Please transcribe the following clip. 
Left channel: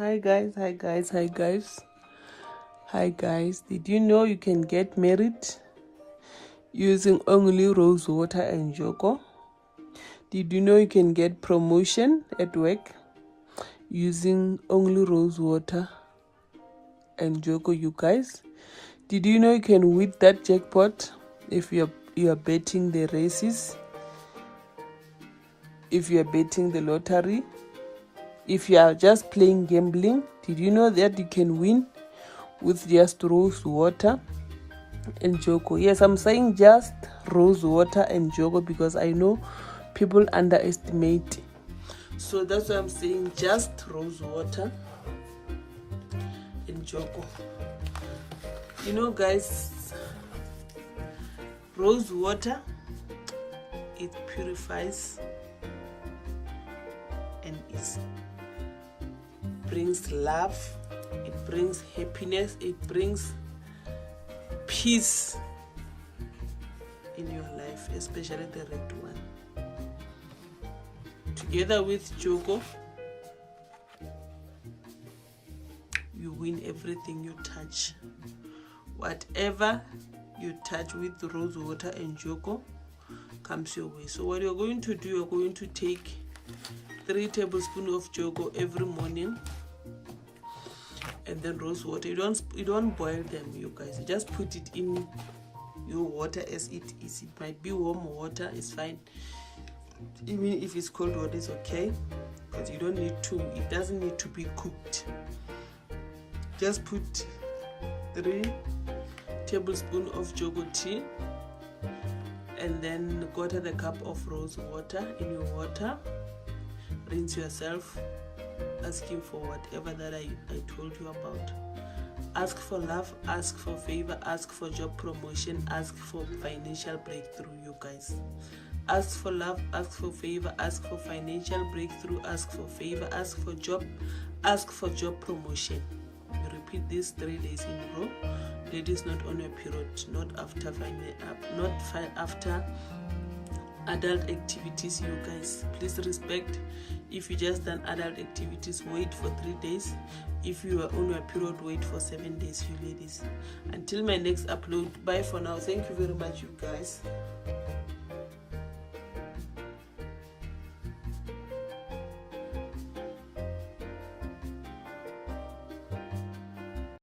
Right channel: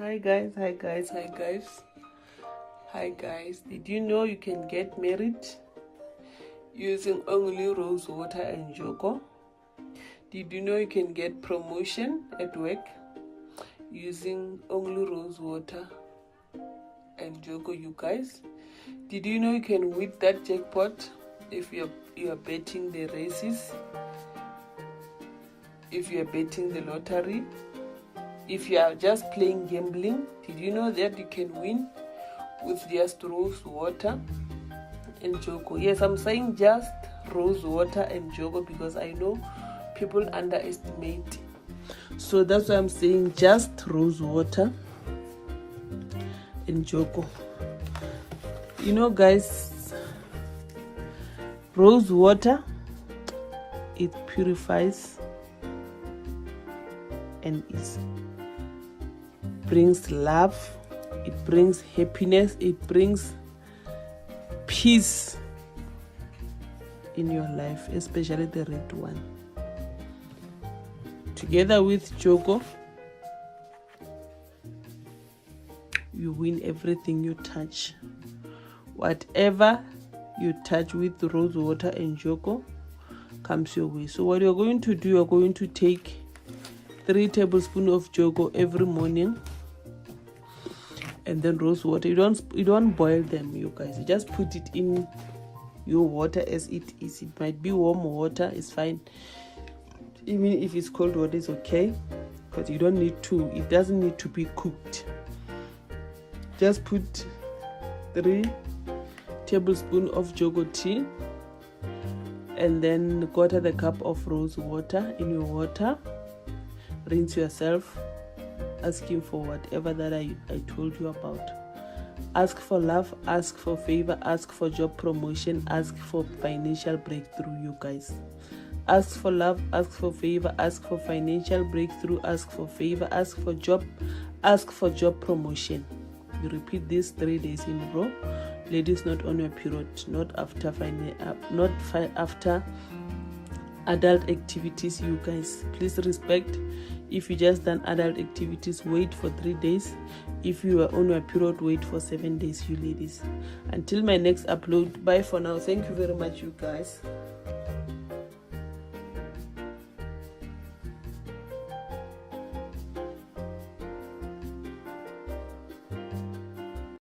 Hi guys, hi guys, hi guys, hi guys. Did you know you can get married using only rose water and Njogo? Did you know you can get promotion at work using only rose water and Njogo, you guys? Did you know you can win that jackpot if you are betting the races, if you are betting the lottery, if you are just playing gambling? Did you know that you can win with just rose water and Njogo? Yes, I'm saying just rose water and Njogo because I know people underestimate. So that's why I'm saying just rose water and Njogo. You know, guys, rose water, it purifies and it brings love, it brings happiness, it brings peace in your life, especially the red one. Together with Njogo, you win everything you touch. Whatever you touch with rose water and Njogo comes your way. So what you're going to do, you're going to take 3 tablespoons of Njogo every morning, and then rose water. You don't boil them, you guys. You just put it in your water as it is. It might be warm water, it's fine. Even if it's cold water, it's okay, because you don't need to. It doesn't need to be cooked. Just put 3 tablespoons of Njogo tea, and then 1/4 cup of rose water in your water. Rinse yourself, asking for whatever that I told you about. Ask for love, ask for favor, ask for job promotion, ask for financial breakthrough, you guys. Ask for love, ask for favor, ask for financial breakthrough, ask for favor, ask for job, ask for job promotion. You repeat this 3 days in a row. Ladies, not on your period, not after after adult activities, you guys. Please respect. If you just done adult activities, wait for 3 days. If you are on your period, wait for 7 days, you ladies. Until my next upload, bye for now. Thank you very much, you guys.